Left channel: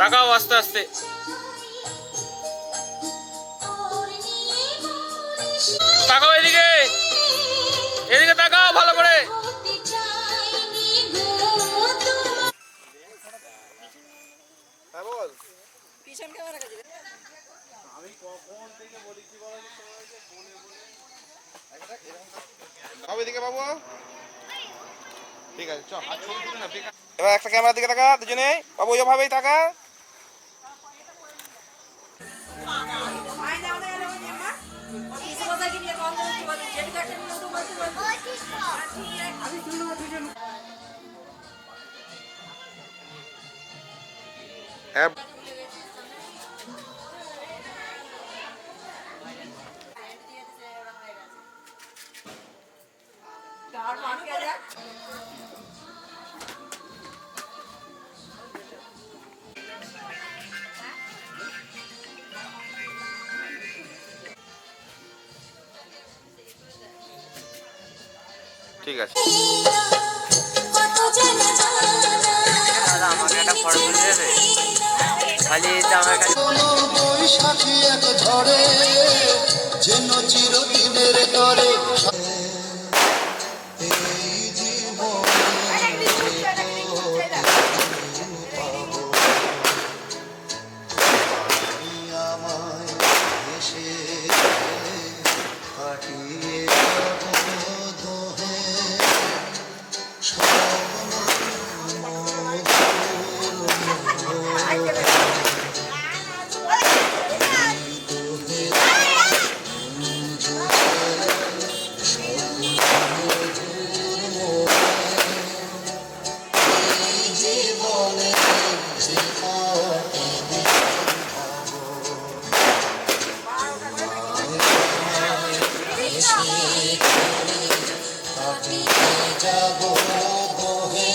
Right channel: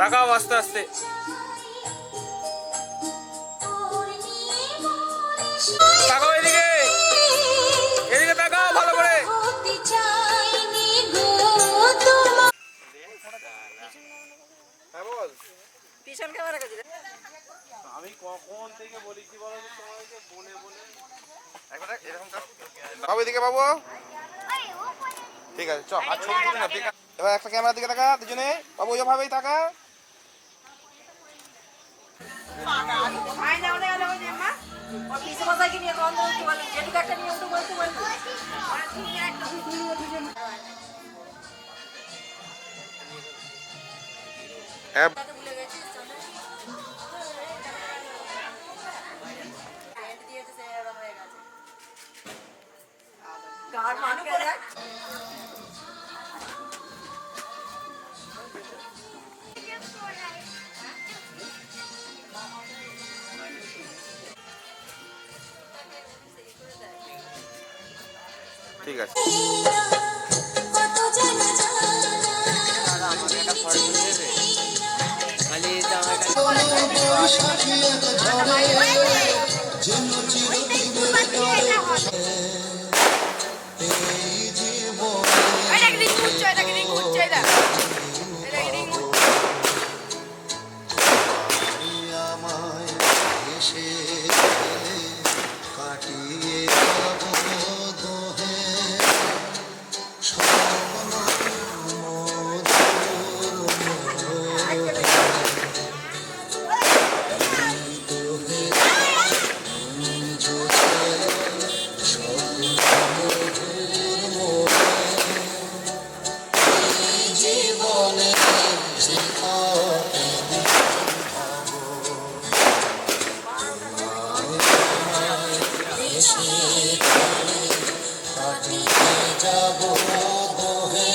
তাকাও আস্তে আস্তে। তাকাও এদিকে, এদিকে তাকাও ভালো করে। আমি কখন থেকে বলি কি বলো তোমাকে, বলে বলে বাবু এদিকে বাবু। ঠিক আছে চ, আর ছবি তুলি না। ঠিক আছে এবার একটা ক্যামেরার দিকে তাকা দুজনে। বাবু ওইভাবেই তাকা। ঠিক আছে আমাকে একটা ফটো তুলে দেবে খালি আমার কাছে। বৈশাখী এক ঝড়ে যেন চিরদিনের তরে এই জীবনে আমায় এসে কাটিয়ে যাব দোহে স্বপ্ন যাব দোহে